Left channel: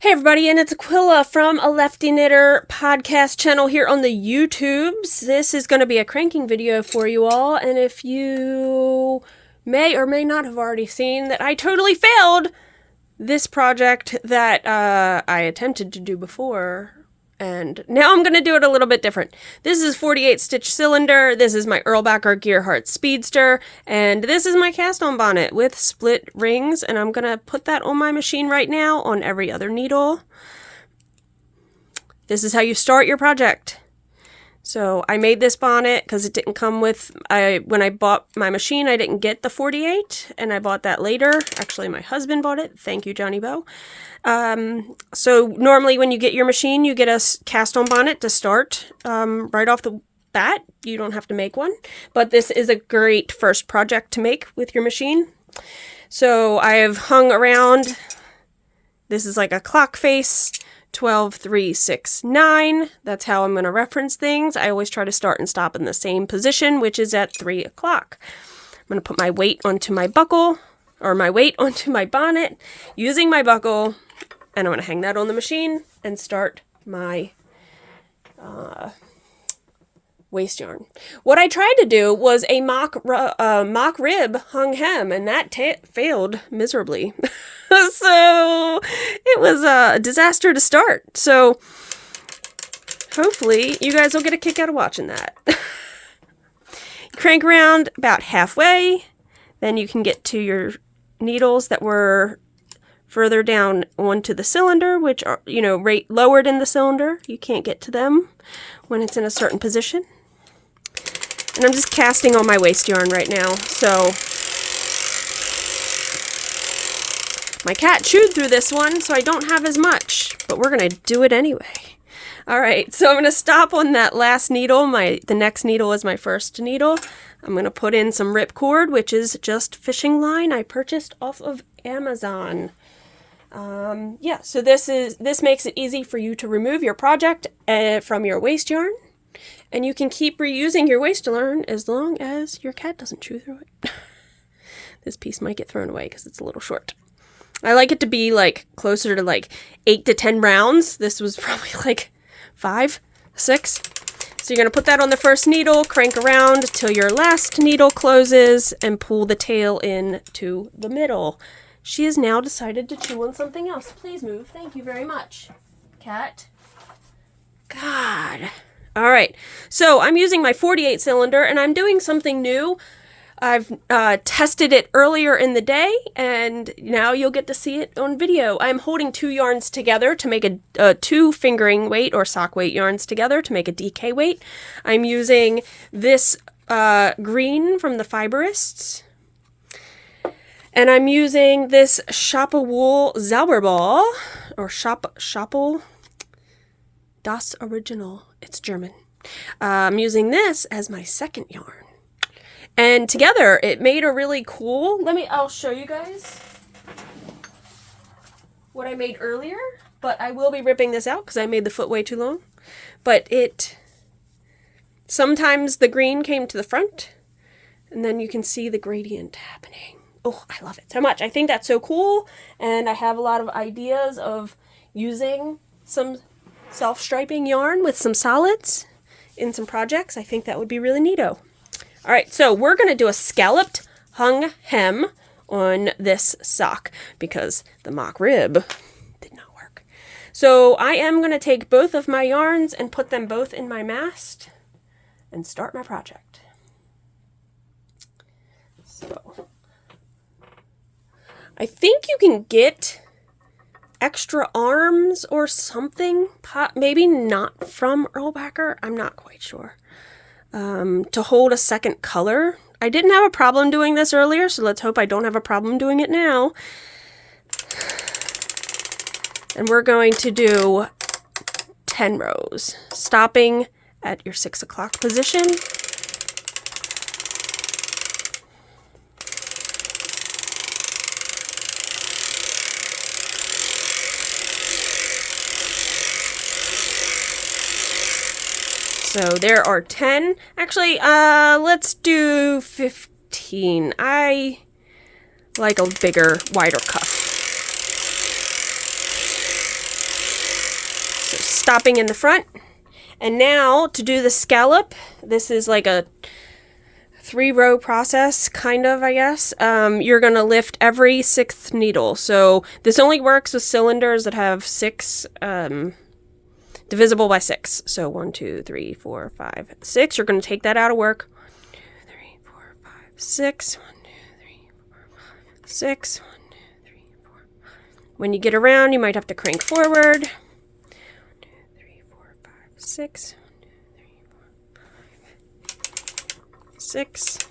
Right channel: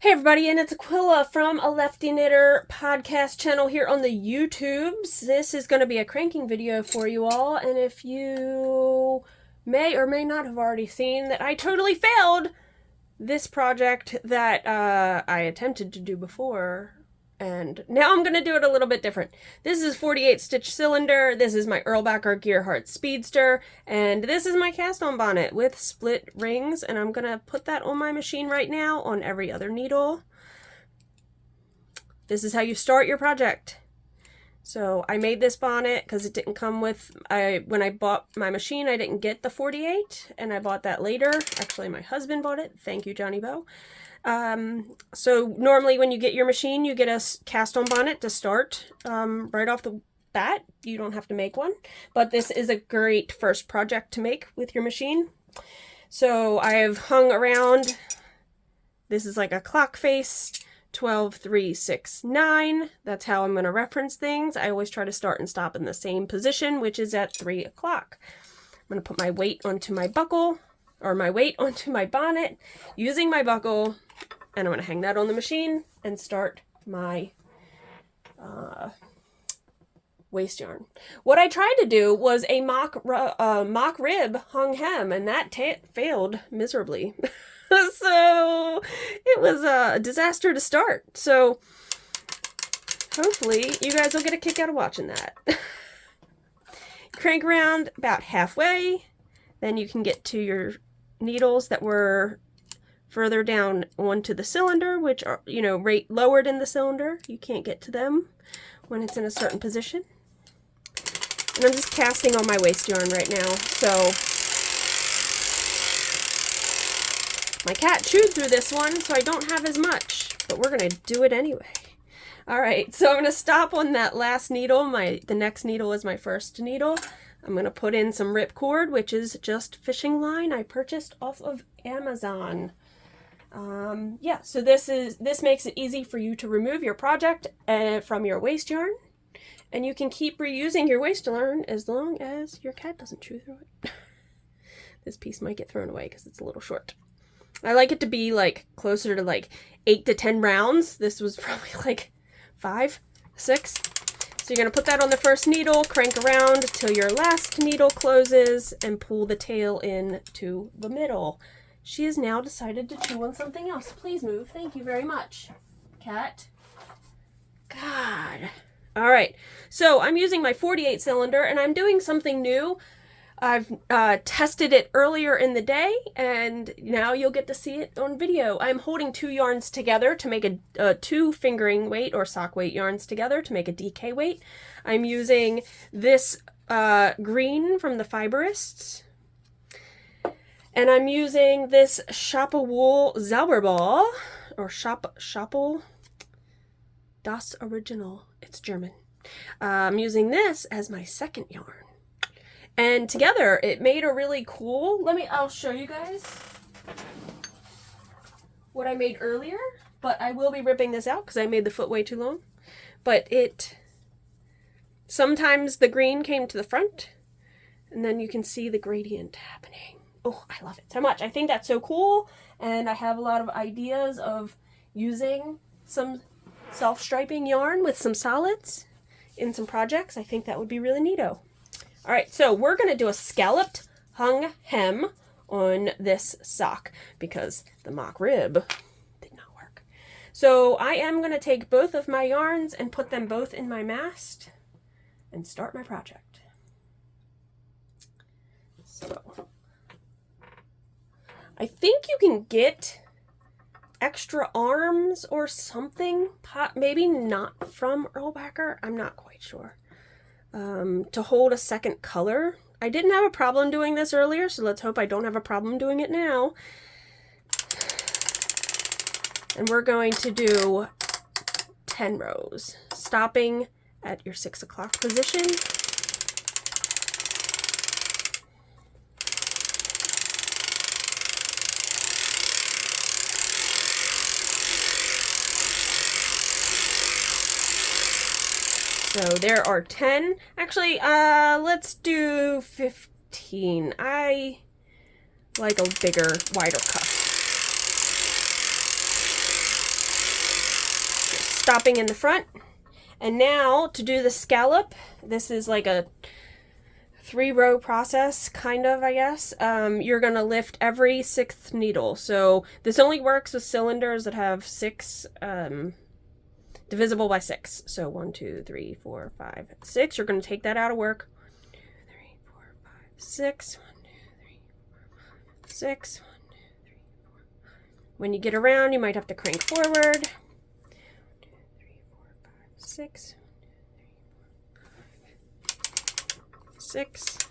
Hey everybody, and it's Aquila from a Lefty Knitter podcast channel here on the YouTubes. This is going to be a cranking video for you all, and if you may or may not have already seen that I totally failed this project that I attempted to do before, and now I'm going to do it a little bit different. This is 48 stitch cylinder, this is my Erlbacher Speedster, and this is my cast on bonnet with split rings, and I'm going to put that on my machine right now on every other needle. This is how you start your project. So I made this bonnet because it didn't come with, when I bought my machine, I didn't get the 48, and I bought that later. Actually, my husband bought it. Thank you, Johnny Bo. So normally when you get your machine, you get a cast on bonnet to start right off the bat. You don't have to make one, but this is a great first project to make with your machine. So I have hung around, this is like a clock face, 12, 3, 6, 9. That's how I'm going to reference things. I always try to start and stop in the same position, which is at 3 o'clock. I'm going to put my weight onto my buckle, or my weight onto my bonnet, using my buckle, and I'm going to hang that on the machine and start my waste yarn. What I tried to do was a mock rib hung hem, and that failed miserably. So it was a disaster to start. So hopefully you guys will get a kick out of watching that. Crank around about halfway, then you can get to your needles that were further down onto the cylinder, which are, you know, lowered in the cylinder. You can't get to them when it's in a certain position. And I'm just casting on my waste yarn right now, so my cat chewed through this one, so I don't have as much, but we're gonna do it anyway. All right, so I'm gonna stop on that last needle. The next needle is my first needle. I'm gonna put in some ripcord, which is just fishing line I purchased off of Amazon. Yeah, so this makes it easy for you to remove your project from your waste yarn, and you can keep reusing your waste yarn as long as your cat doesn't chew through it. This piece might get thrown away because it's a little short. I like it to be like closer to like 8 to 10 rounds. This was probably like 5, 6. So you're going to put that on the first needle, crank around till your last needle closes, and pull the tail in to the middle. She has now decided to chew on something else. Please move. Thank you very much, cat. God. All right. So I'm using my 48 cylinder, and I'm doing something new. I've tested it earlier in the day, and now you'll get to see it on video. I'm holding 2 yarns together to make a 2 fingering weight or sock weight yarns together to make a DK weight. I'm using this green from the Fiberists, and I'm using this Shoppa Wool zauberball, or Schoppel Das Original. It's German. I'm using this as my second yarn. And together, it made a really cool, I'll show you guys what I made earlier, but I will be ripping this out because I made the foot way too long. But sometimes the green came to the front, and then you can see the gradient happening. Oh, I love it so much. I think that's so cool, and I have a lot of ideas of using some self-striping yarn with some solids in some projects. I think that would be really neato. All right, so we're going to do a scalloped hung hem on this sock because the mock rib did not work. So I am going to take both of my yarns and put them both in my mast and start my project. So I think you can get extra arms or something, maybe not from Erlbacher, I'm not quite sure. To hold a second color. I didn't have a problem doing this earlier, so let's hope I don't have a problem doing it now. And we're going to do 10 rows, stopping at your 6 o'clock position. So there are 10. Actually, let's do 15. I like a bigger, wider cuff. stopping in the front. And now to do the scallop, this is like a 3-row process, kind of, I guess. You're gonna lift every 6th needle. So this only works with cylinders that have 6, divisible by 6. So 1, 2, 3, 4, 5, 6. You're gonna take that out of work. 1, 2, 3, 4, 5, 6. 1, 2, 3, 4, 5, 6. 1, 2, 3, 4, 5. When you get around, you might have to crank forward. 1, 2, 3, 4, 5, 6. 6. 1,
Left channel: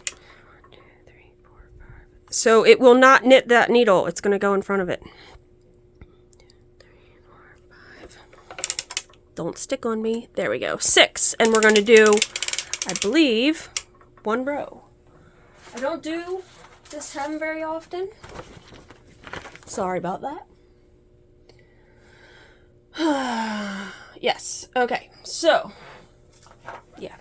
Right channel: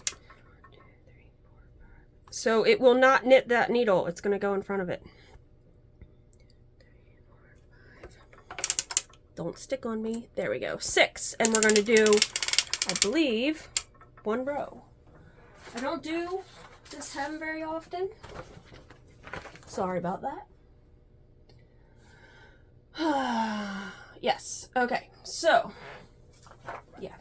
2, 3, 4, 5. So it will not knit that needle. It's going to go in front of it. 1, 2, 3, 4, 5. Don't stick on me. There we go. 6. And we're going to do, I believe, 1 row. I don't do this hem very often. Sorry about that. Yes. Okay. So, yeah.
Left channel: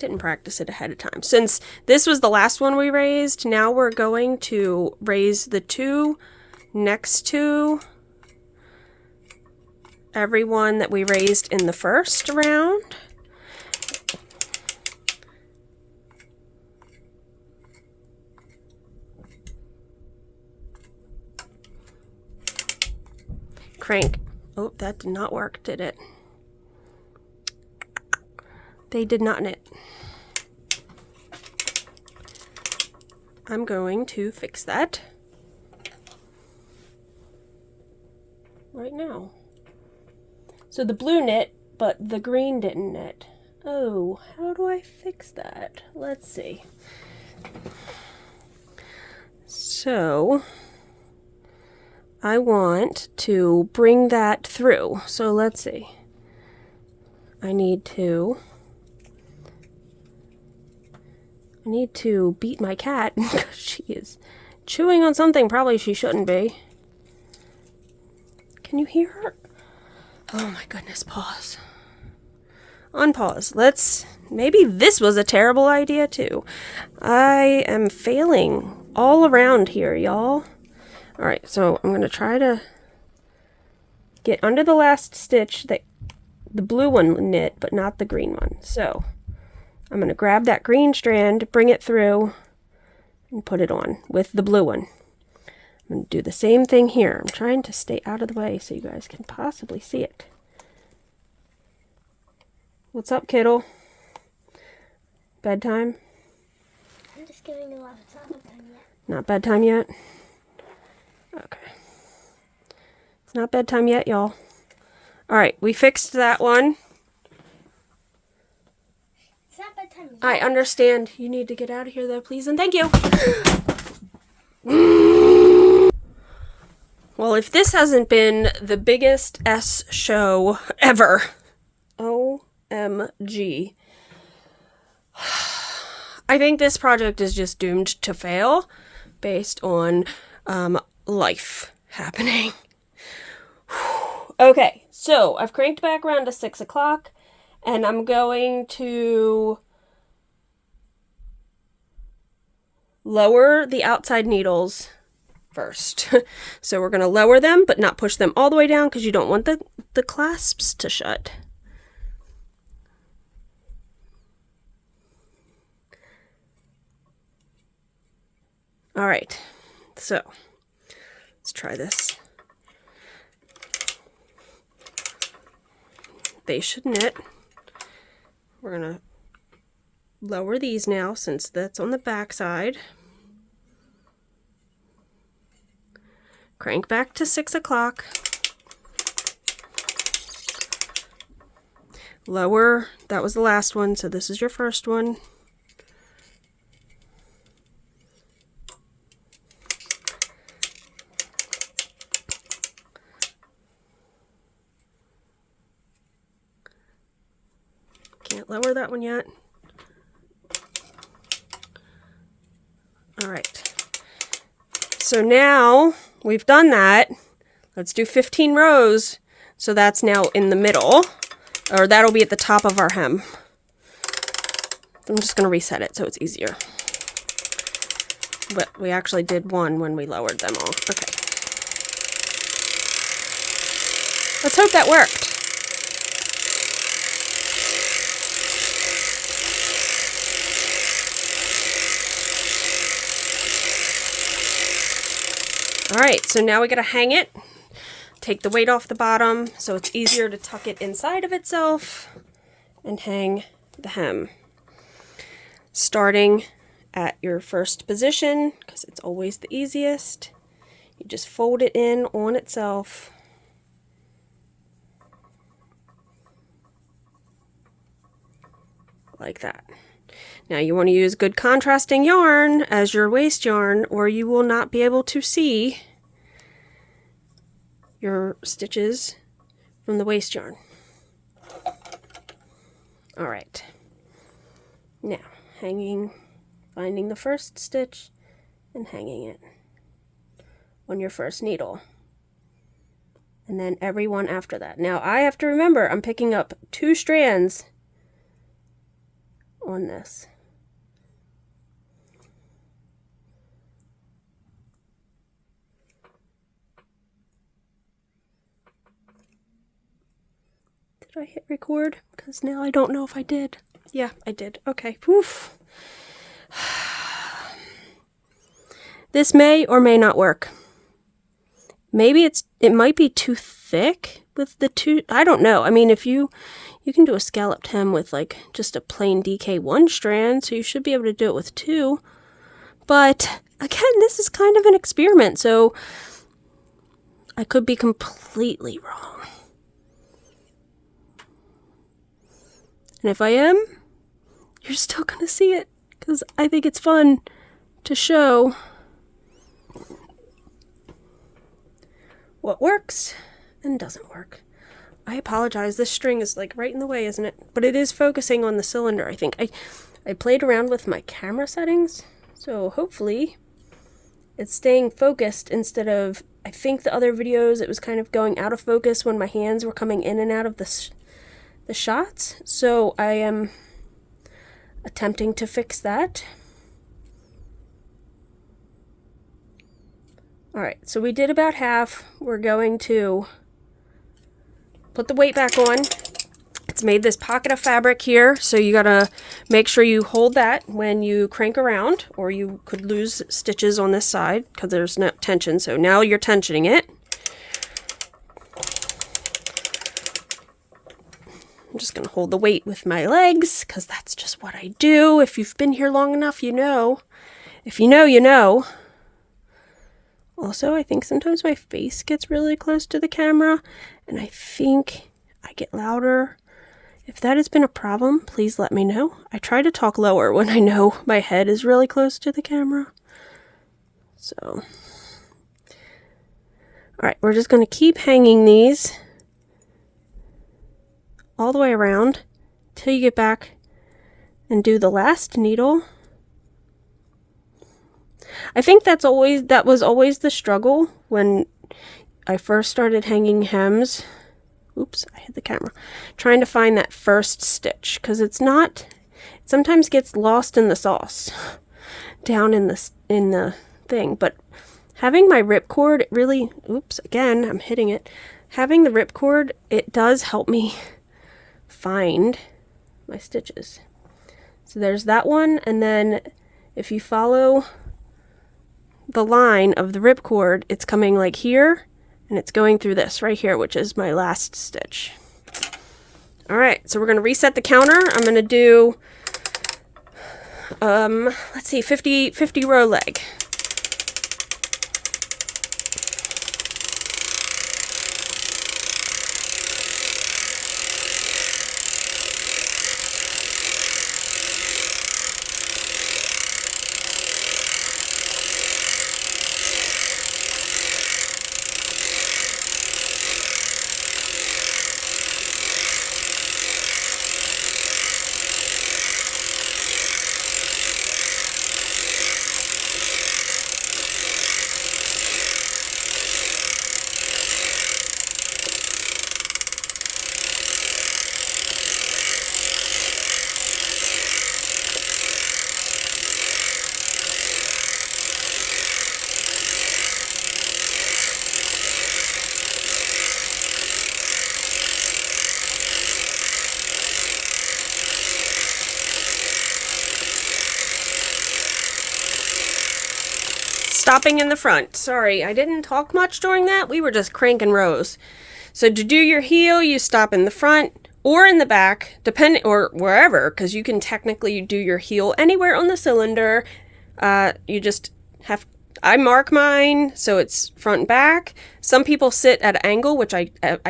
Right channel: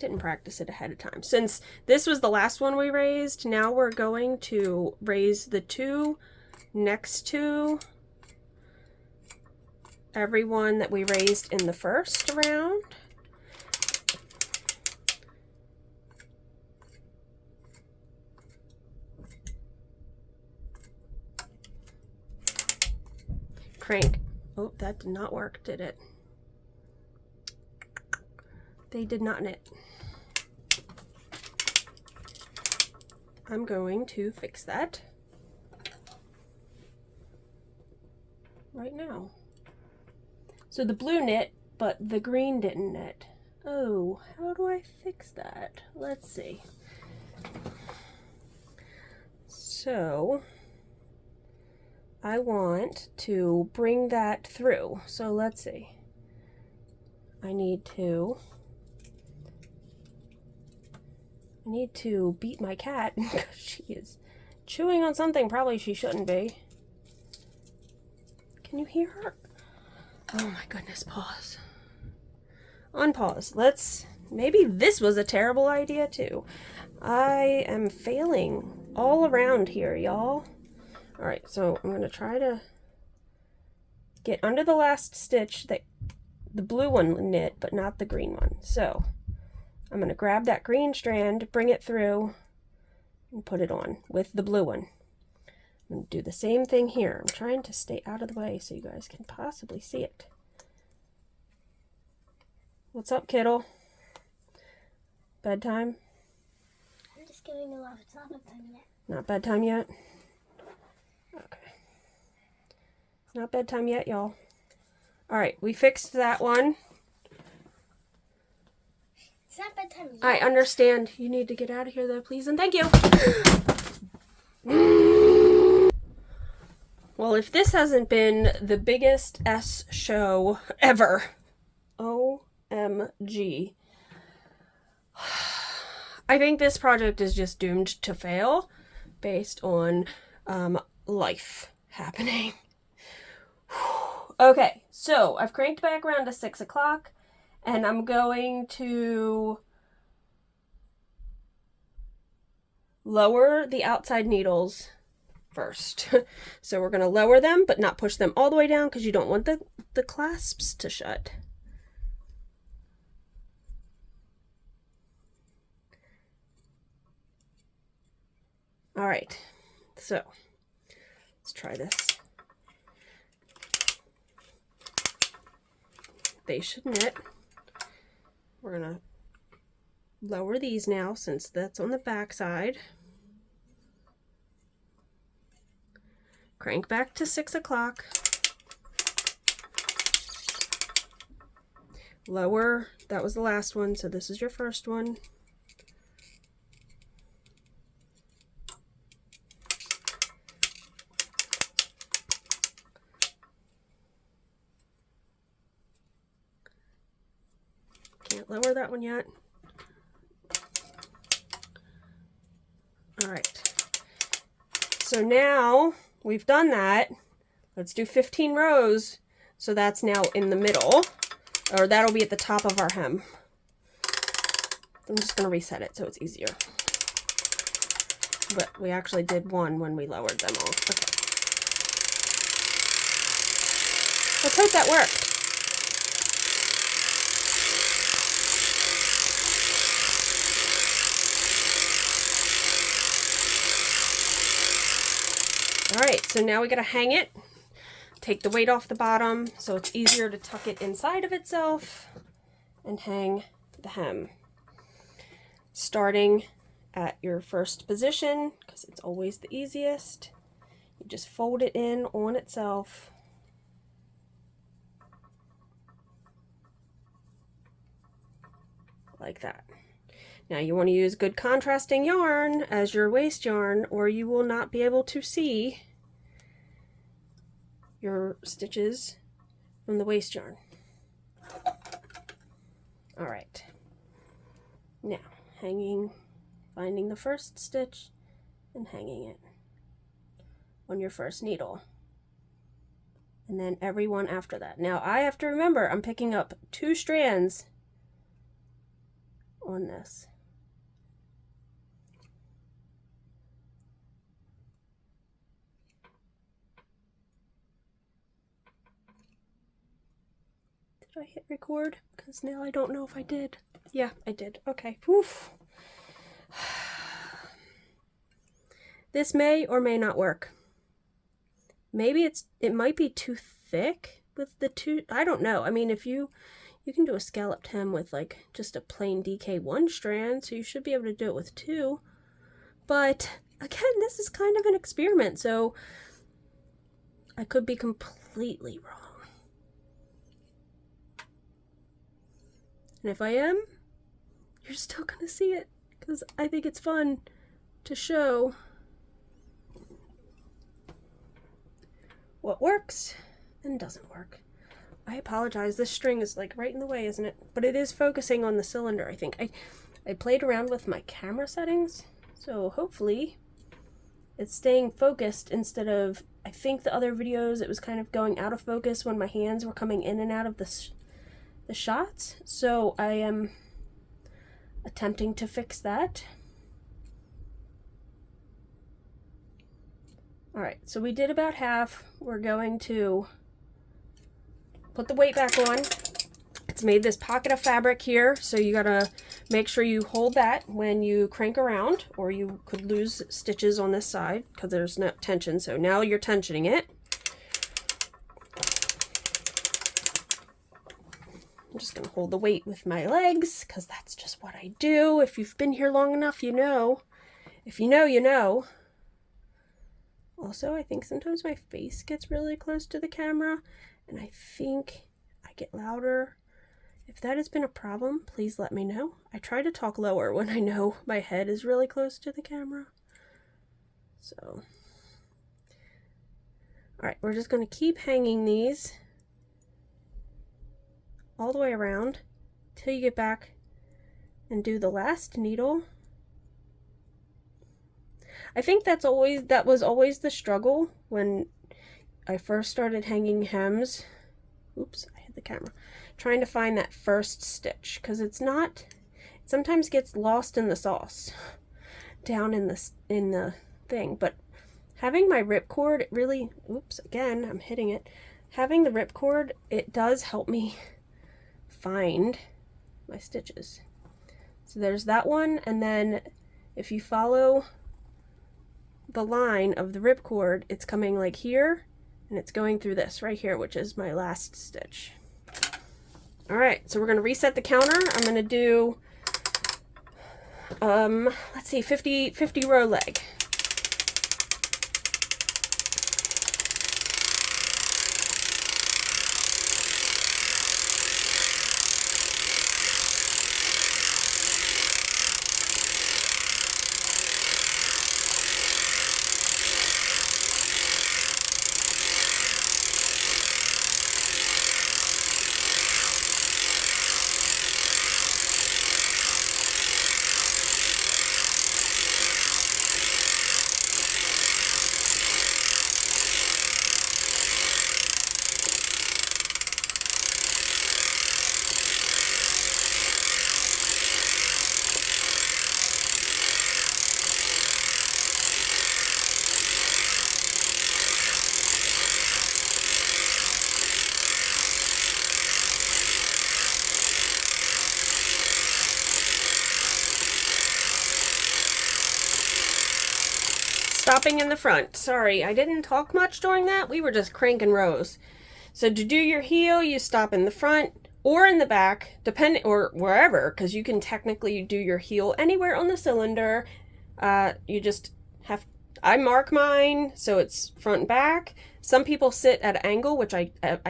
Didn't practice it ahead of time. Since this was the last one we raised, now we're going to raise the 2 next to every one that we raised in the first round. Crank. Oh, that did not work, did it? They did not knit. I'm going to fix that right now. So the blue knit, but the green didn't knit. Oh, how do I fix that? Let's see. So I want to bring that through. So let's see. I need to beat my cat because she is chewing on something probably she shouldn't be. Can you hear her? Oh my goodness, pause. Unpause. Maybe this was a terrible idea too. I am failing all around here, y'all. Alright, so I'm going to try to get under the last stitch that the blue one knit, but not the green one. So I'm going to grab that green strand, bring it through, and put it on with the blue one. I'm going to do the same thing here. I'm trying to stay out of the way so you guys can possibly see it. What's up, kiddo? Bedtime? I'm just giving you a laugh. It's not bedtime yet. Not bedtime yet? Okay. It's not bedtime yet, y'all. Alright, we fixed that one. It's not bedtime yet. I understand. You need to get out of here, though, please, and thank you. Well, if this hasn't been the biggest S show ever, OMG. I think this project is just doomed to fail based on life happening. Okay, so I've cranked back around to 6 o'clock, and I'm going to lower the outside needles first. So we're going to lower them, but not push them all the way down because you don't want the clasps to shut. All right, so let's try this. They should knit. We're going to lower these now since that's on the back side. Crank back to 6 o'clock. Lower, that was the last one, so this is your first one. Can't lower that one yet. All right. So now we've done that. Let's do 15 rows. So that's now in the middle, or that'll be at the top of our hem. I'm just going to reset it so it's easier. But we actually did one when we lowered them all. Okay. Let's hope that worked. All right, so now we gotta hang it. Take the weight off the bottom so it's easier to tuck it inside of itself and hang the hem. Starting at your first position, because it's always the easiest, you just fold it in on itself. Like that. Now you want to use good contrasting yarn as your waste yarn, or you will not be able to see your stitches from the waste yarn. All right. Now, finding the first stitch and hanging it on your first needle. And then every one after that. Now I have to remember I'm picking up 2 strands on this. Did I hit record? Because now I don't know if I did. Yeah, I did. Okay. Oof. This may or may not work. Maybe it might be too thick with the 2. I don't know. I mean, if you can do a scalloped hem with like just a plain DK1 strand, so you should be able to do it with 2. But again, this is kind of an experiment, so I could be completely wrong. And if I am, you're still gonna see it, because I think it's fun to show what works and doesn't work. I apologize, this string is like right in the way, isn't it? But it is focusing on the cylinder, I think. I played around with my camera settings, so hopefully it's staying focused instead of, I think the other videos it was kind of going out of focus when my hands were coming in and out of the shots. So I am attempting to fix that. Alright, so we did about half. We're going to put the weight back on. It's made this pocket of fabric here, so you gotta make sure you hold that when you crank around, or you could lose stitches on this side because there's no tension. So now you're tensioning it. I'm just gonna hold the weight with my legs because that's just what I do. If you've been here long enough, you know. If you know, you know. Also, I think sometimes my face gets really close to the camera, and I think I get louder. If that has been a problem, please let me know. I try to talk lower when I know my head is really close to the camera. So, alright, we're just going to keep hanging these all the way around till you get back and do the last needle. I think that was always the struggle when I first started hanging hems. Oops, I hit the camera. Trying to find that first stitch, because it sometimes gets lost in the sauce down in the thing. But having my ripcord, it really, oops, again, I'm hitting it. Having the ripcord, it does help me find my stitches. So there's that one, and then if you follow the line of the ripcord, it's coming like here, and it's going through this right here, which is my last stitch. Alright, so we're going to reset the counter. I'm going to do, let's see, 50 row leg. stopping in the front. Sorry, I didn't talk much during that. We were just cranking rows. So to do your heel, you stop in the front or in the back, depending, or wherever, because you can technically do your heel anywhere on the cylinder. You just have, I mark mine so it's front and back. Some people sit at an angle, which I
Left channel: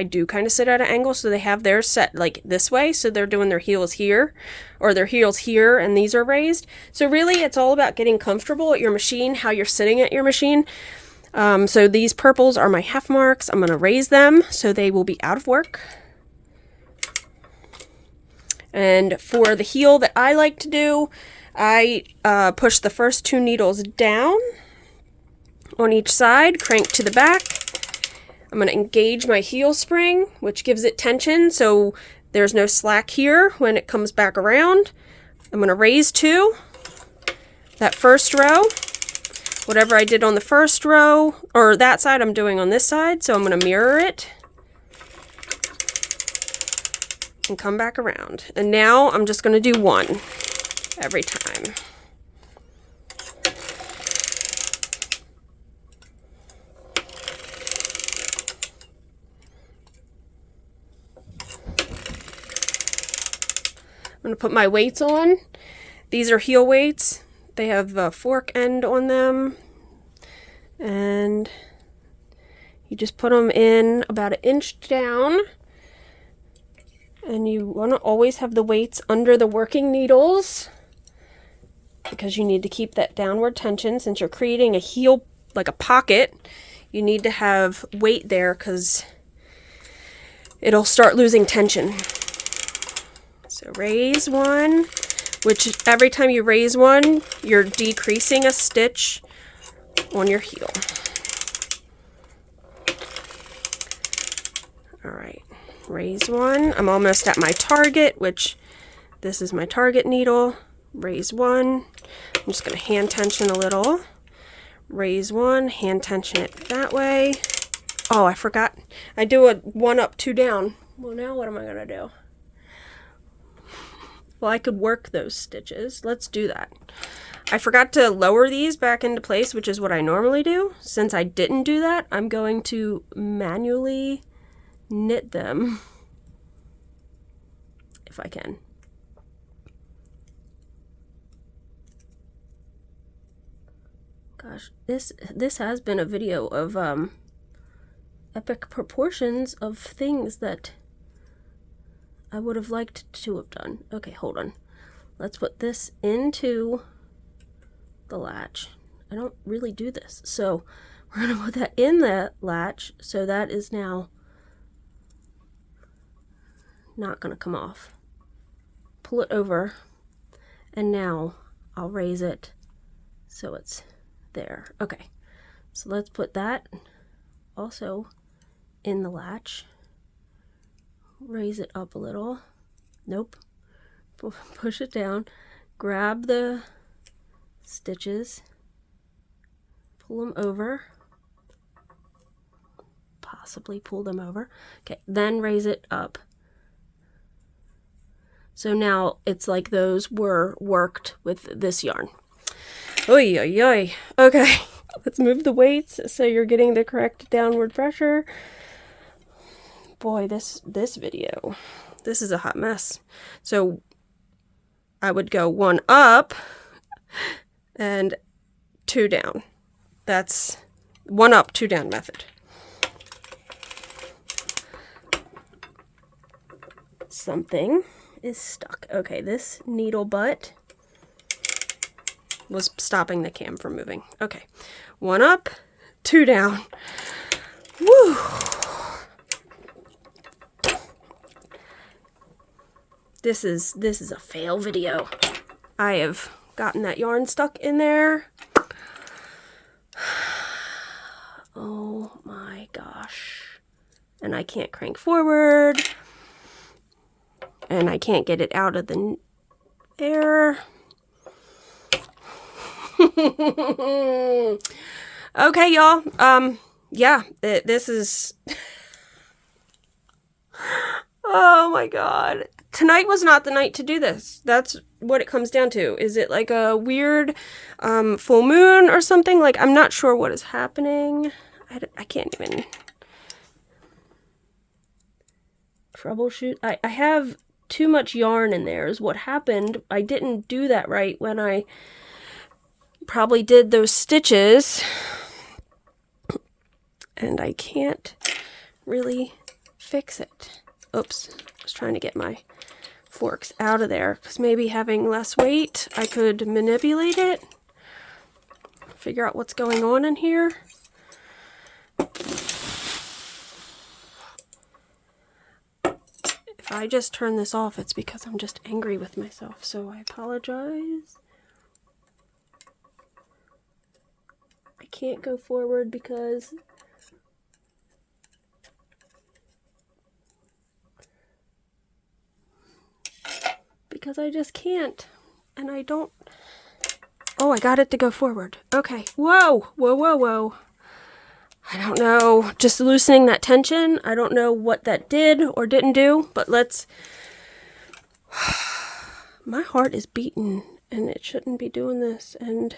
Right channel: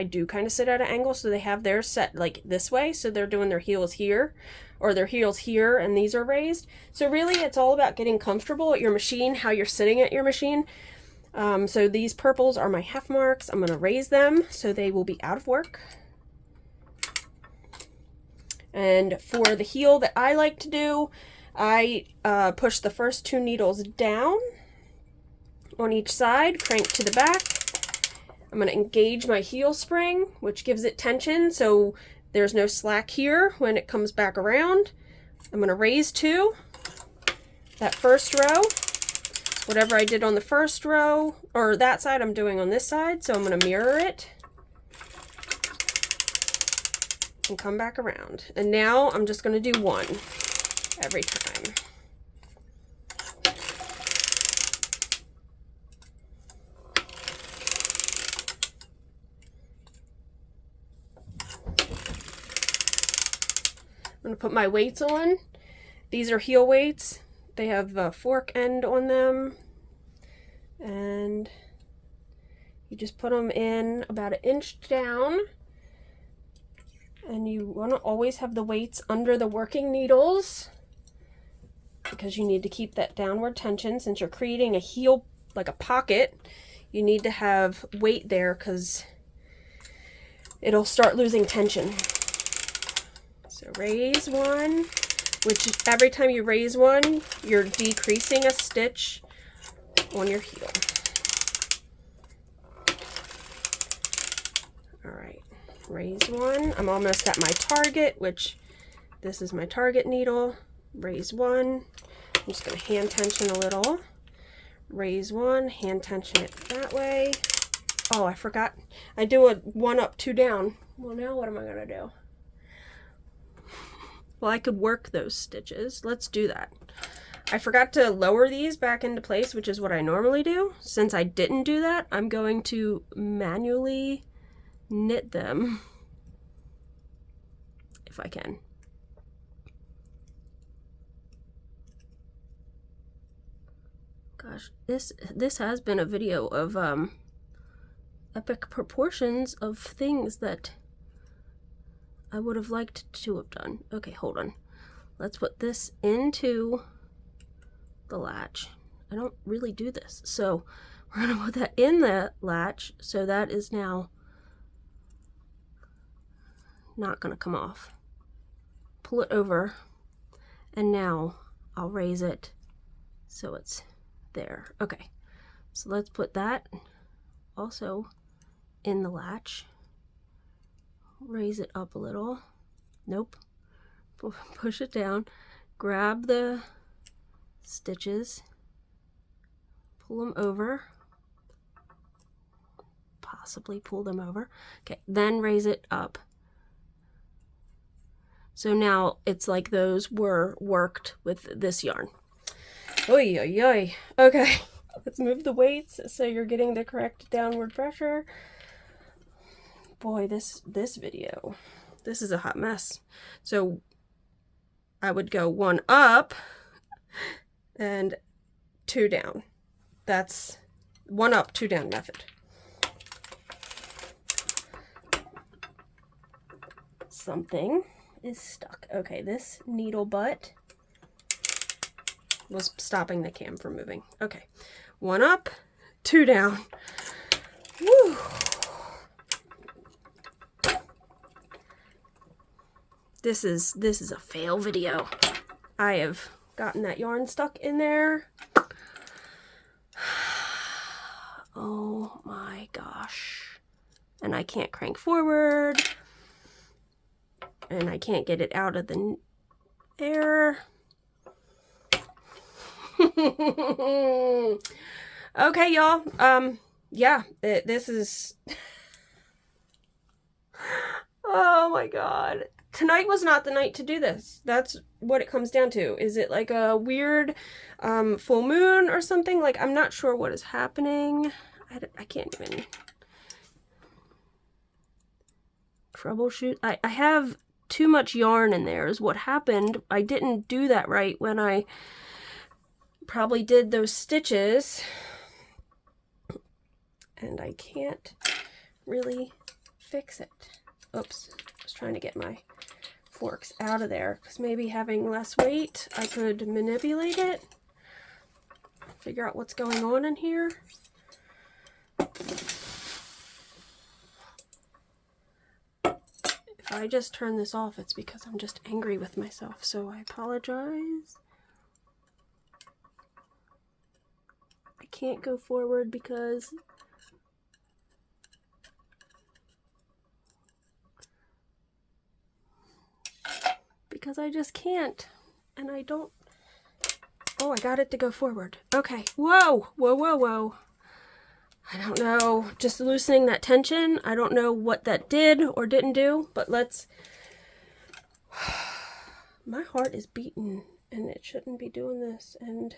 do kind of sit at an angle, so they have theirs set like this way, so they're doing their heels here, or their heels here, and these are raised. So really, it's all about getting comfortable at your machine, how you're sitting at your machine. So these purples are my half marks. I'm going to raise them so they will be out of work. And for the heel that I like to do, I push the first 2 needles down on each side, crank to the back. I'm going to engage my heel spring, which gives it tension, so there's no slack here when it comes back around. I'm going to raise 2. That first row, whatever I did on the first row, or that side, I'm doing on this side, so I'm going to mirror it and come back around. And now I'm just going to do 1 every time. I'm going to put my weights on. These are heel weights. They have a fork end on them. And you just put them in about 1 inch down. And you want to always have the weights under the working needles, because you need to keep that downward tension. Since you're creating a heel, like a pocket, you need to have weight there because it'll start losing tension. So raise 1, which every time you raise 1, you're decreasing a stitch on your heel. All right, raise 1. I'm almost at my target, which this is my target needle. Raise 1. I'm just going to hand tension a little. Raise 1, hand tension it that way. Oh, I forgot. I do a 1 up, 2 down. Well, now what am I going to do? Well, I could work those stitches. Let's do that. I forgot to lower these back into place, which is what I normally do. Since I didn't do that, I'm going to manually knit them if I can. Gosh, this has been a video of epic proportions of things that I would have liked to have done. Okay, hold on. Let's put this into the latch. I don't really do this. So we're going to put that in the latch, so that is now not going to come off. Pull it over, and now I'll raise it so it's there. Okay, so let's put that also in the latch. Raise it up a little. Nope. Push it down. Grab the stitches. Pull them over. Possibly pull them over. Okay, then raise it up. So now it's like those were worked with this yarn. Oy, oy, oy. Okay, let's move the weights so you're getting the correct downward pressure. Boy, this video, this is a hot mess. So I would go 1 up and 2 down. That's 1 up, 2 down method. Something is stuck. Okay, this needle butt was stopping the cam from moving. Okay, 1 up, 2 down. Woo! This is a fail video. I have gotten that yarn stuck in there. Oh my gosh. And I can't crank forward. And I can't get it out of the air. Okay, y'all. Yeah, this is... Oh my god. tonight was not the night to do this. That's what it comes down to. Is it like a weird full moon or something? Like, I'm not sure what is happening. I can't even troubleshoot. I have too much yarn in there is what happened. I didn't do that right when I probably did those stitches. And I can't really fix it. Oops, I was trying to get my forks out of there because maybe having less weight, I could manipulate it, figure out what's going on in here. If I just turn this off, it's because I'm just angry with myself, so I apologize. I can't go forward because I just can't, and I don't. Oh, I got it to go forward. Okay. Whoa, whoa, whoa, whoa. I don't know, just loosening that tension. I don't know what that did or didn't do, but let's... My heart is beating, and it shouldn't be doing this, and...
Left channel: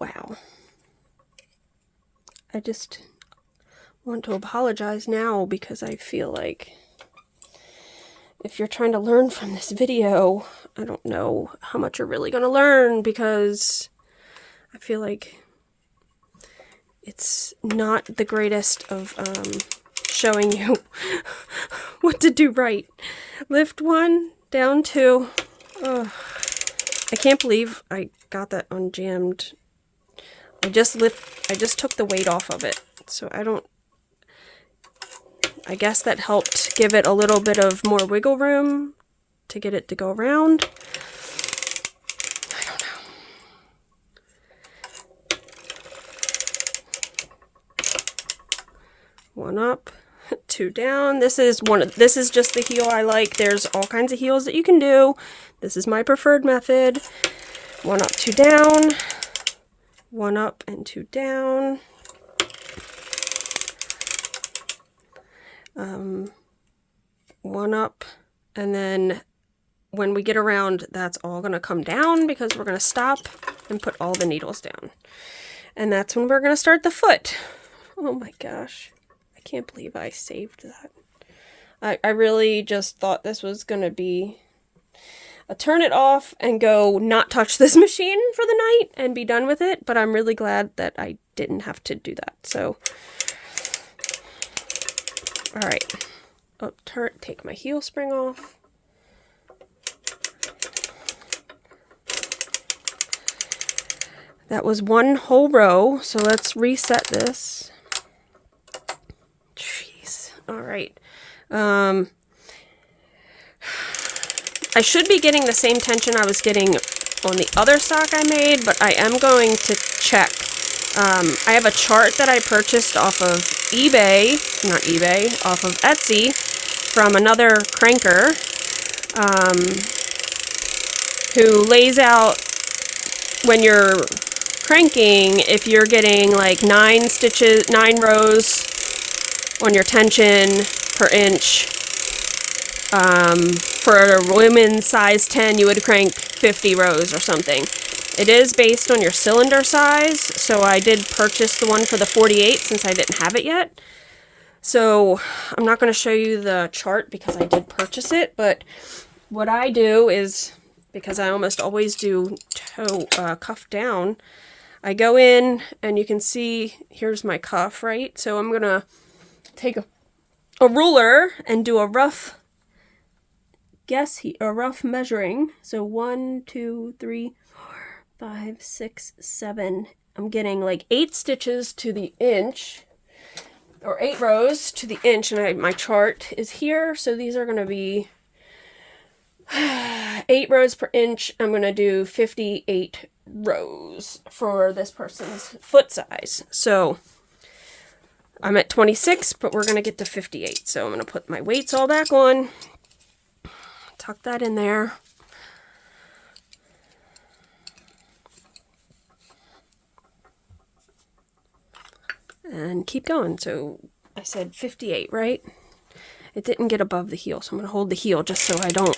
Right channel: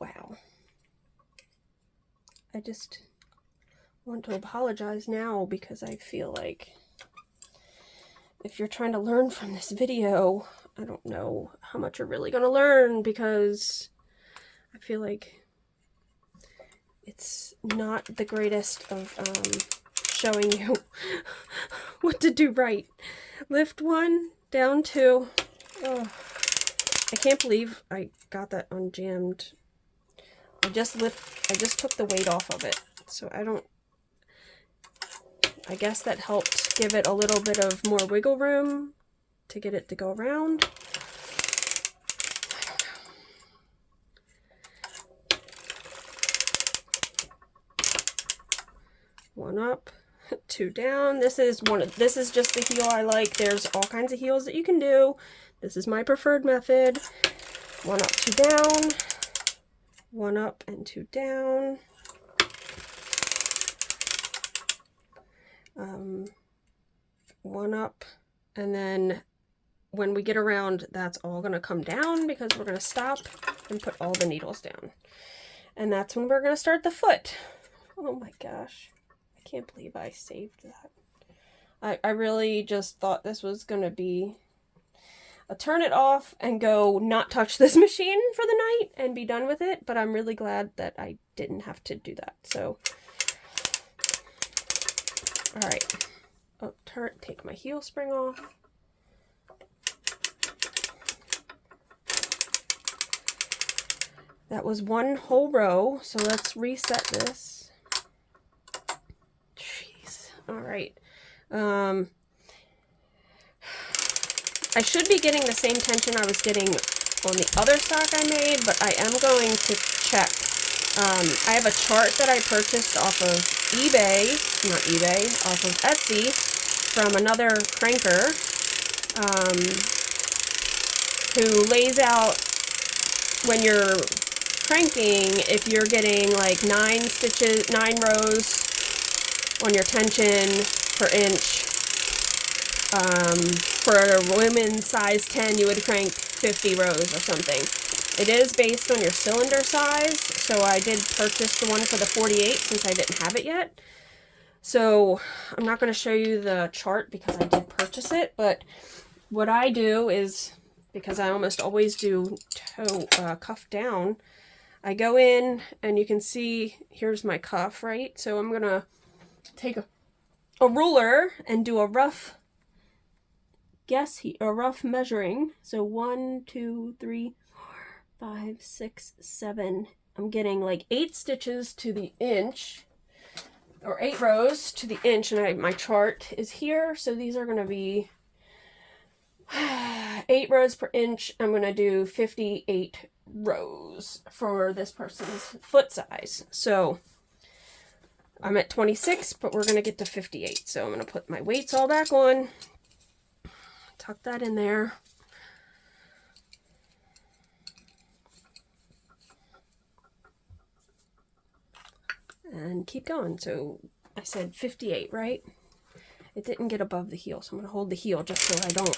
Wow. I just want to apologize now because I feel like if you're trying to learn from this video, I don't know how much you're really going to learn because I feel like it's not the greatest of showing you what to do right. Lift 1, down 2. Oh, I can't believe I got that unjammed. I just took the weight off of it, so I guess that helped give it a little bit of more wiggle room to get it to go around. I don't know. 1 up, 2 down. This is just the heel I like. There's all kinds of heels that you can do. This is my preferred method. 1 up, 2 down. 1 up and 2 down. 1 up, and then when we get around, that's all going to come down because we're going to stop and put all the needles down. And that's when we're going to start the foot. Oh my gosh. I can't believe I saved that. I really just thought this was going to be a turn it off and go not touch this machine for the night and be done with it, but I'm really glad that I didn't have to do that. So, all right. Oh, take my heel spring off. That was 1 whole row, so let's reset this. Jeez. All right. I should be getting the same tension I was getting on the other sock I made, but I am going to check. I have a chart that I purchased off of off of Etsy from another cranker who lays out when you're cranking, if you're getting like 9 rows on your tension per inch. For a women's size 10, you would crank 50 rows or something. It is based on your cylinder size, so I did purchase the one for the 48 since I didn't have it yet. So I'm not going to show you the chart because I did purchase it, but what I do is, because I almost always do cuff down, I go in and you can see here's my cuff, right? So I'm going to take a ruler and do a rough rough measuring. So 1, 2, 3, 4, 5, 6, 7. I'm getting like 8 stitches to the inch, or 8 rows to the inch, and my chart is here. So these are going to be 8 rows per inch. I'm going to do 58 rows for this person's foot size. So I'm at 26, but we're going to get to 58. So I'm going to put my weights all back on. Tuck that in there. And keep going. So I said 58, right? It didn't get above the heel, so I'm going to hold the heel just so I don't.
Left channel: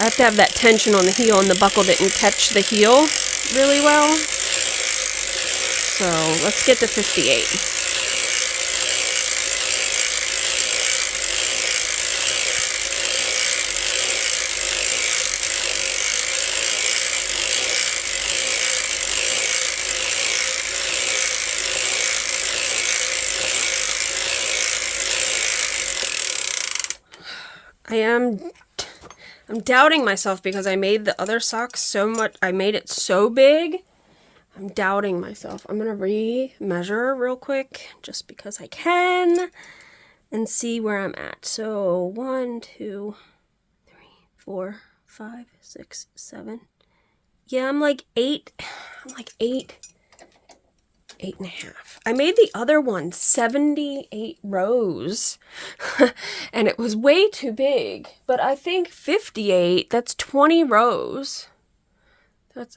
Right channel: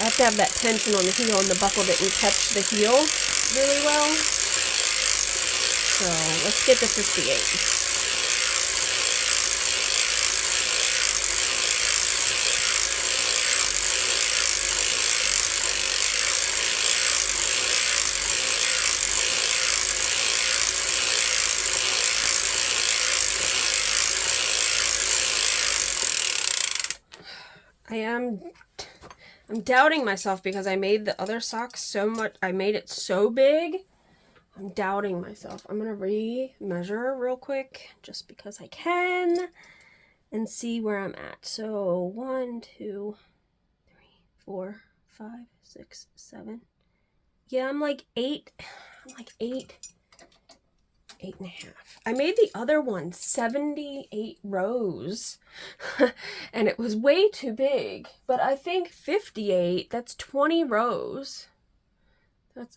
I have to have that tension on the heel, and the buckle didn't catch the heel really well. So let's get to 58. I'm doubting myself because I made the other sock so much. I made it so big. I'm doubting myself. I'm going to re-measure real quick just because I can and see where I'm at. So 1, 2, 3, 4, 5, 6, 7. Yeah, I'm like 8. I'm like 8.5. I made the other one 78 rows and it was way too big, but I think 58, that's 20 rows.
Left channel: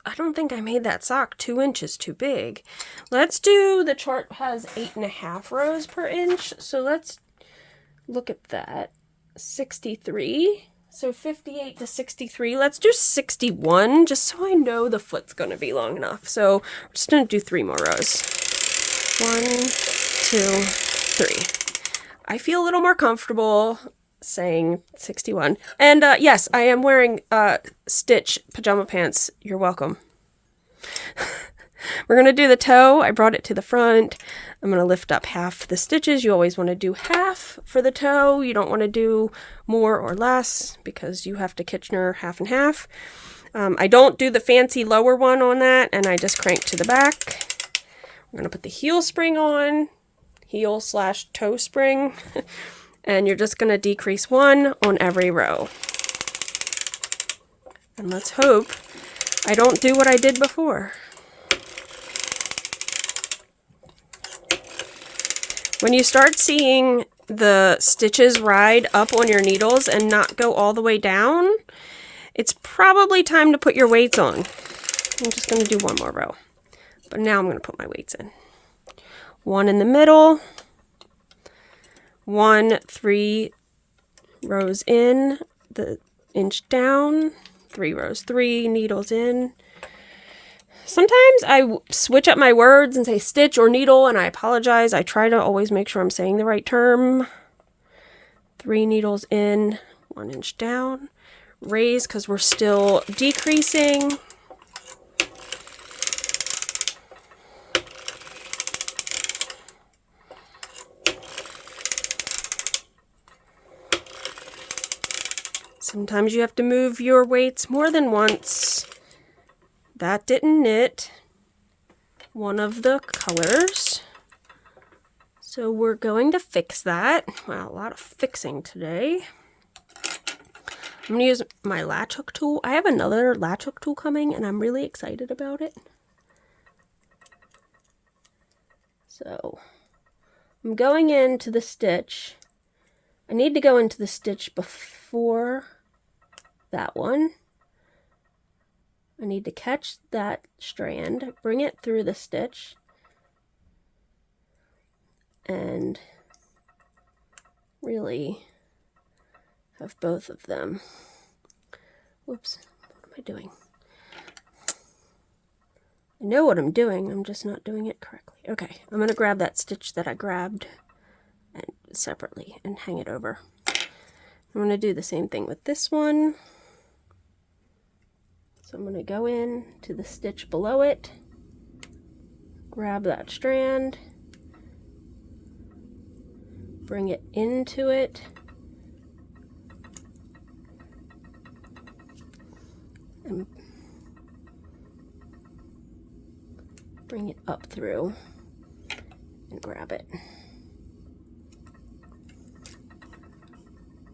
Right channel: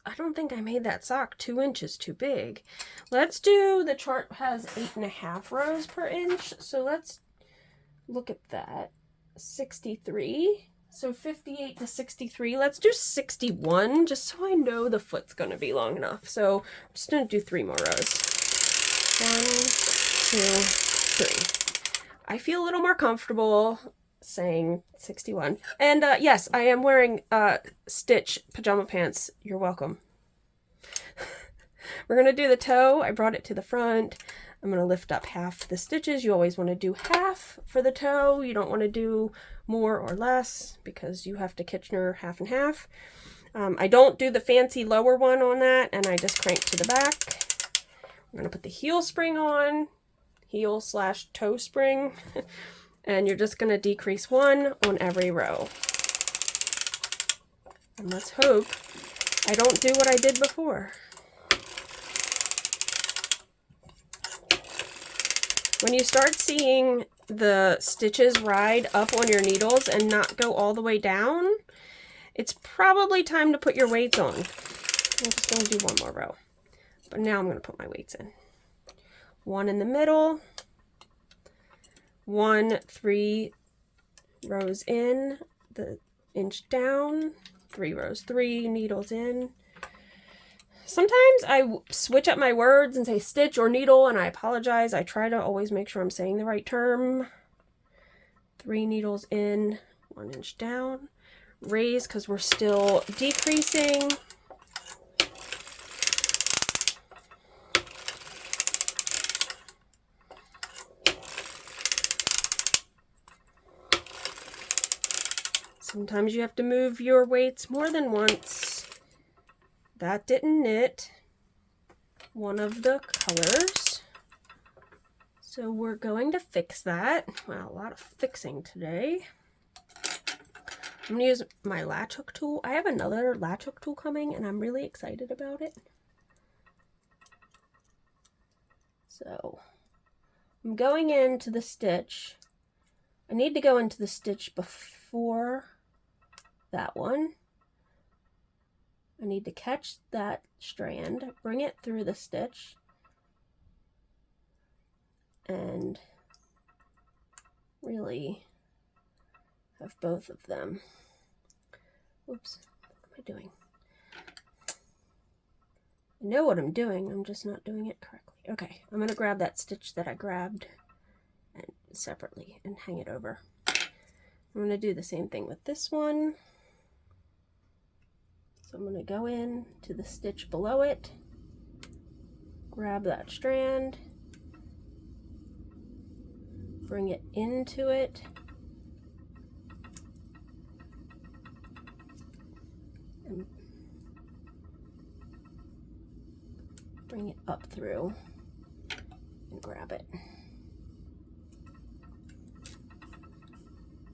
I don't think I made that sock 2 inches too big. Let's do, the chart has 8.5 rows per inch. So let's look at that. 63. So 58 to 63. Let's do 61 just so I know the foot's going to be long enough. So we're just going to do 3 more rows. 1, 2, 3. I feel a little more comfortable saying 61. And yes, I am wearing Stitch pajama pants. You're welcome. We're going to do the toe. I brought it to the front. I'm going to lift up half the stitches. You always want to do half for the toe. You don't want to do more or less because you have to Kitchener half and half. I don't do the fancy lower one on that, and I just crank to the back. I'm going to put the heel spring on, heel/toe spring, and you're just going to decrease 1 on every row. And let's hope I don't do what I did before. When you start seeing the stitches ride up on your needles and not go all the way down, it's probably time to put your weights on. I'm just going to do 1 more row. But now I'm going to put my weights in. 1 in the middle. 1, 3 rows in, the inch down. 3 rows, 3 needles in. Sometimes I switch up my words and say stitch or needle, and I apologize. I try to always make sure I'm saying the right term. 3 needles in, 1 inch down. Raise because we're still decreasing. Sometimes you have to move your weights more than once. That didn't knit one of the colors. So we're going to fix that. Wow, a lot of fixing today. I'm going to use my latch hook tool. I have another latch hook tool coming and I'm really excited about it. So I'm going into the stitch. I need to go into the stitch before that one. I need to catch that strand, bring it through the stitch, and really have both of them. Whoops, what am I doing? I know what I'm doing, I'm just not doing it correctly. Okay, I'm going to grab that stitch that I grabbed and separately and hang it over. I'm going to do the same thing with this one. So I'm going to go in to the stitch below it, grab that strand, bring it into it, and bring it up through and grab it.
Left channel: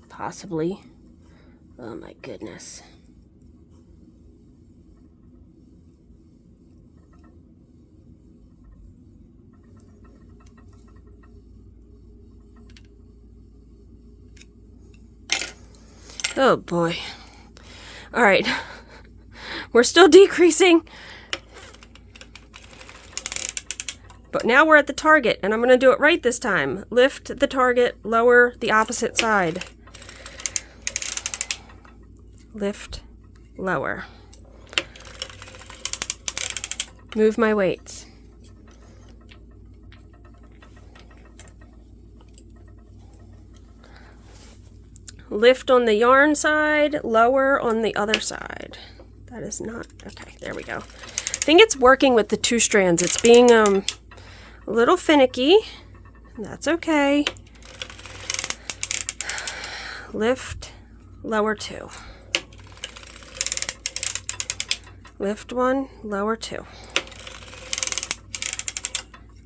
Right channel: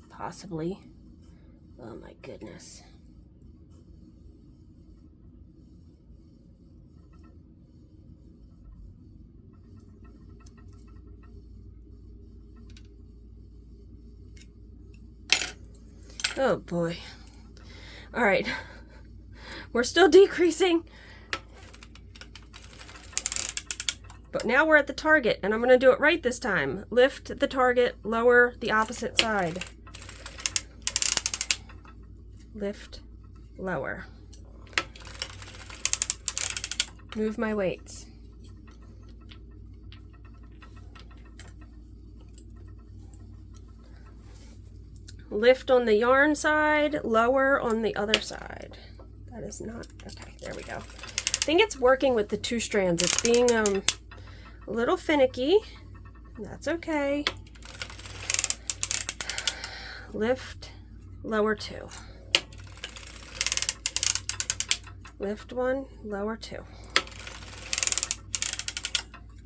Possibly. Oh my goodness. Oh boy. All right. We're still decreasing. But now we're at the target, and I'm going to do it right this time. Lift the target, lower the opposite side. Lift, lower. Move my weights. Lift on the yarn side, lower on the other side. That is not, okay, there we go. I think it's working with the 2 strands. It's being a little finicky. That's okay. Lift, lower 2. Lift 1, lower 2.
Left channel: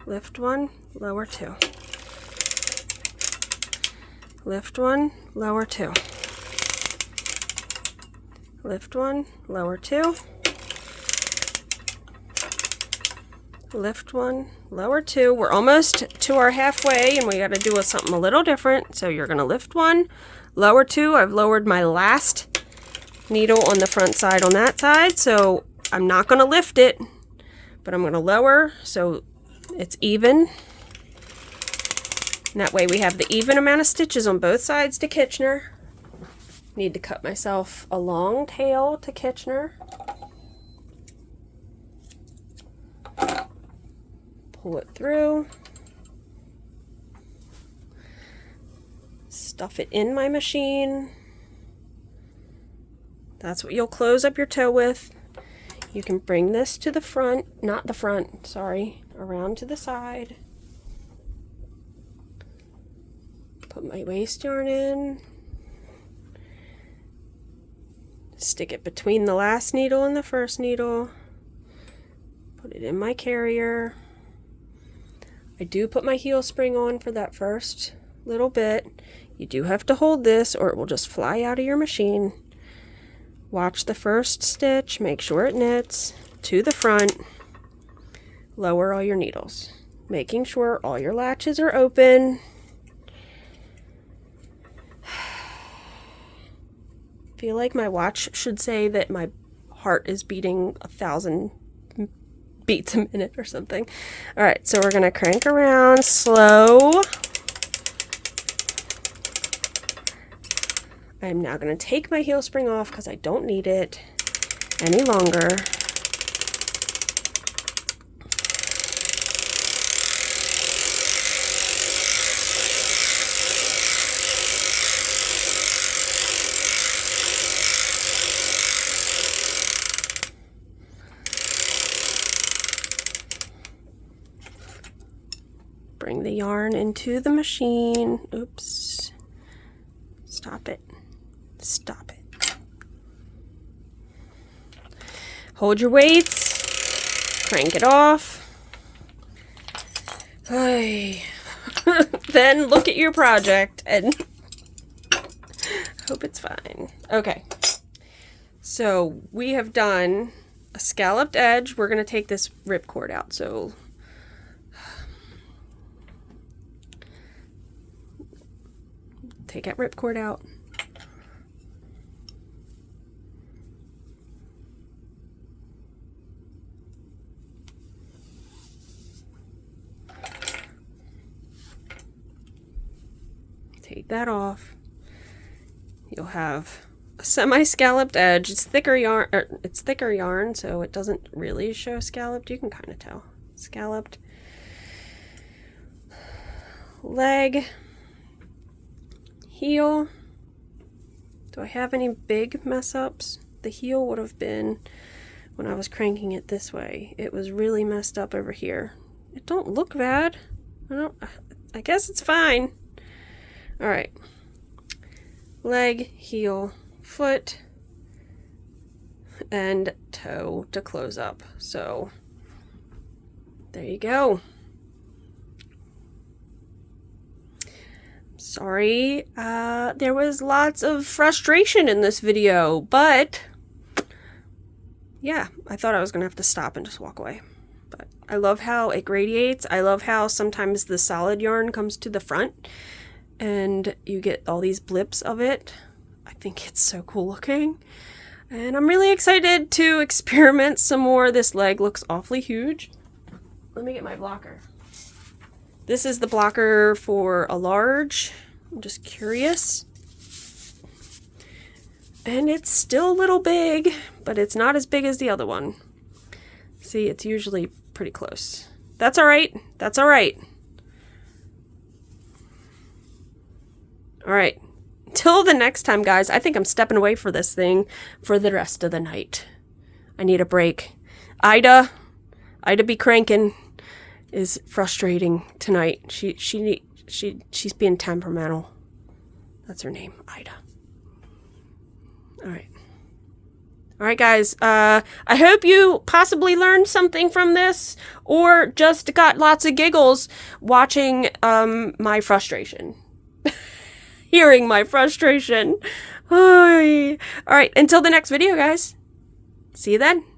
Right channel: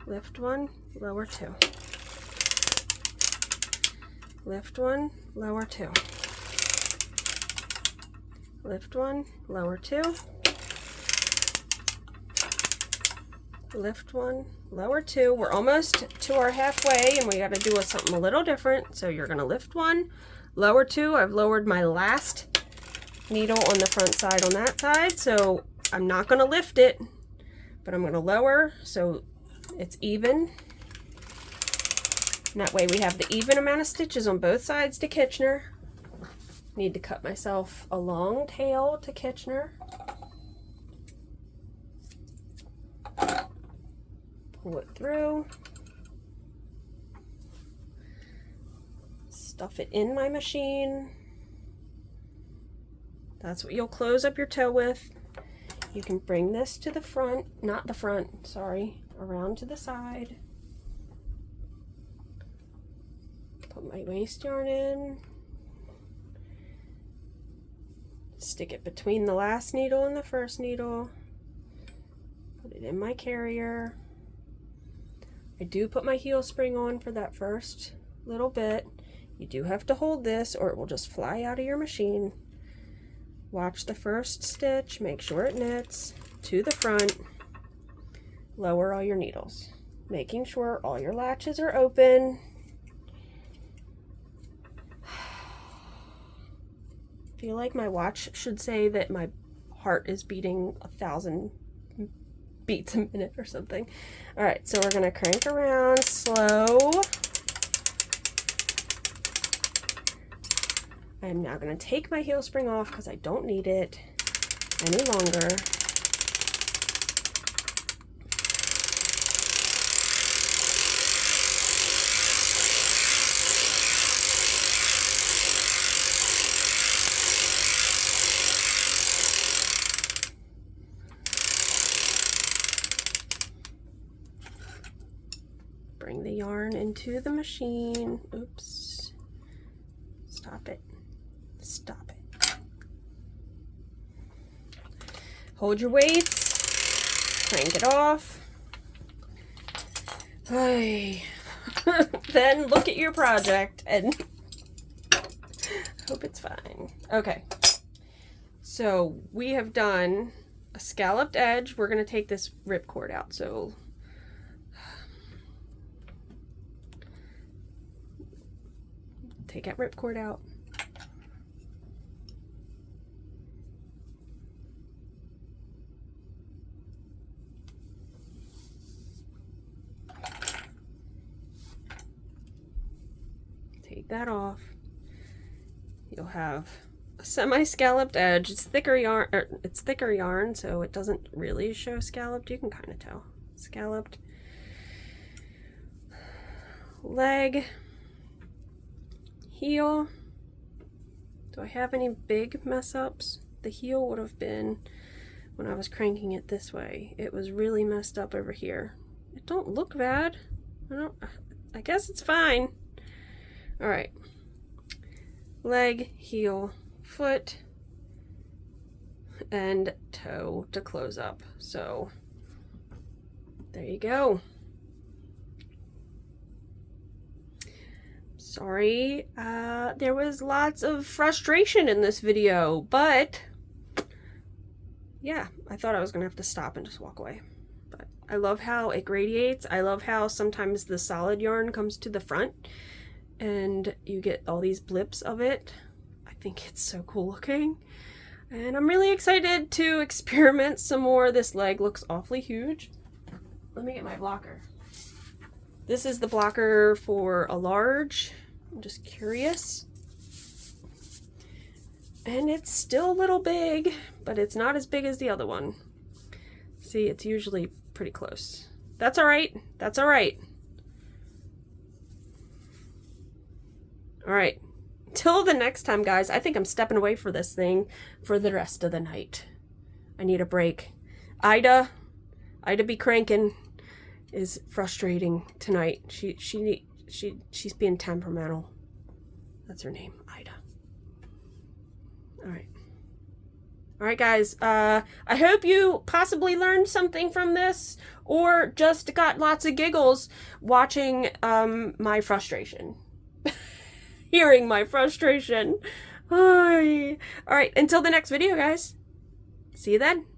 Lift 1, lower 2. Lift 1, lower 2. Lift 1, lower 2. Lift 1, lower 2. We're almost to our halfway, and we got to do something a little different. So you're going to lift 1, lower 2. I've lowered my last needle on the front side on that side, so I'm not going to lift it, but I'm going to lower so it's even. And that way we have the even amount of stitches on both sides to Kitchener. Need to cut myself a long tail to Kitchener. Pull it through. Stuff it in my machine. That's what you'll close up your toe with. You can bring this to the front, not the front, sorry, around to the side. Put my waste yarn in. Stick it between the last needle and the first needle. Put it in my carrier. I do put my heel spring on for that first little bit. You do have to hold this or it will just fly out of your machine. Watch the first stitch, make sure it knits to the front. Lower all your needles, making sure all your latches are open. Feel like my watch should say that my heart is beating 1,000 beats a minute or something. All right, so we're gonna crank around slow. I'm now gonna take my heel spring off because I don't need it any longer. Bring the yarn into the machine. Oops. Stop it. Stop it. Hold your weights. Crank it off. Then look at your project and hope it's fine. Okay. So we have done a scalloped edge. We're going to take this ripcord out. So take that ripcord out. Take that off. You'll have a semi-scalloped edge. It's thicker yarn, so it doesn't really show scalloped. You can kind of tell. Scalloped leg. Heel. Do I have any big mess ups? The heel would have been when I was cranking it this way. It was really messed up over here. It don't look bad. I guess it's fine. All right. Leg, heel, foot, and toe to close up. So there you go. Sorry, there was lots of frustration in this video, but yeah, I thought I was gonna have to stop and just walk away. But I love how it gradiates. I love how sometimes the solid yarn comes to the front and you get all these blips of it. I think it's so cool looking. And I'm really excited to experiment some more. This leg looks awfully huge. let me get my blocker. This is the blocker for a large. I'm just curious. And it's still a little big, but it's not as big as the other one. See, it's usually pretty close. That's all right. That's all right. All right. Till the next time, guys, I think I'm stepping away for this thing for the rest of the night. I need a break. Ida be cranking is frustrating tonight. She's being temperamental. That's her name, Ida. All right. All right, guys. I hope you possibly learned something from this or just got lots of giggles watching my frustration. Hearing my frustration. All right, until the next video, guys. See you then.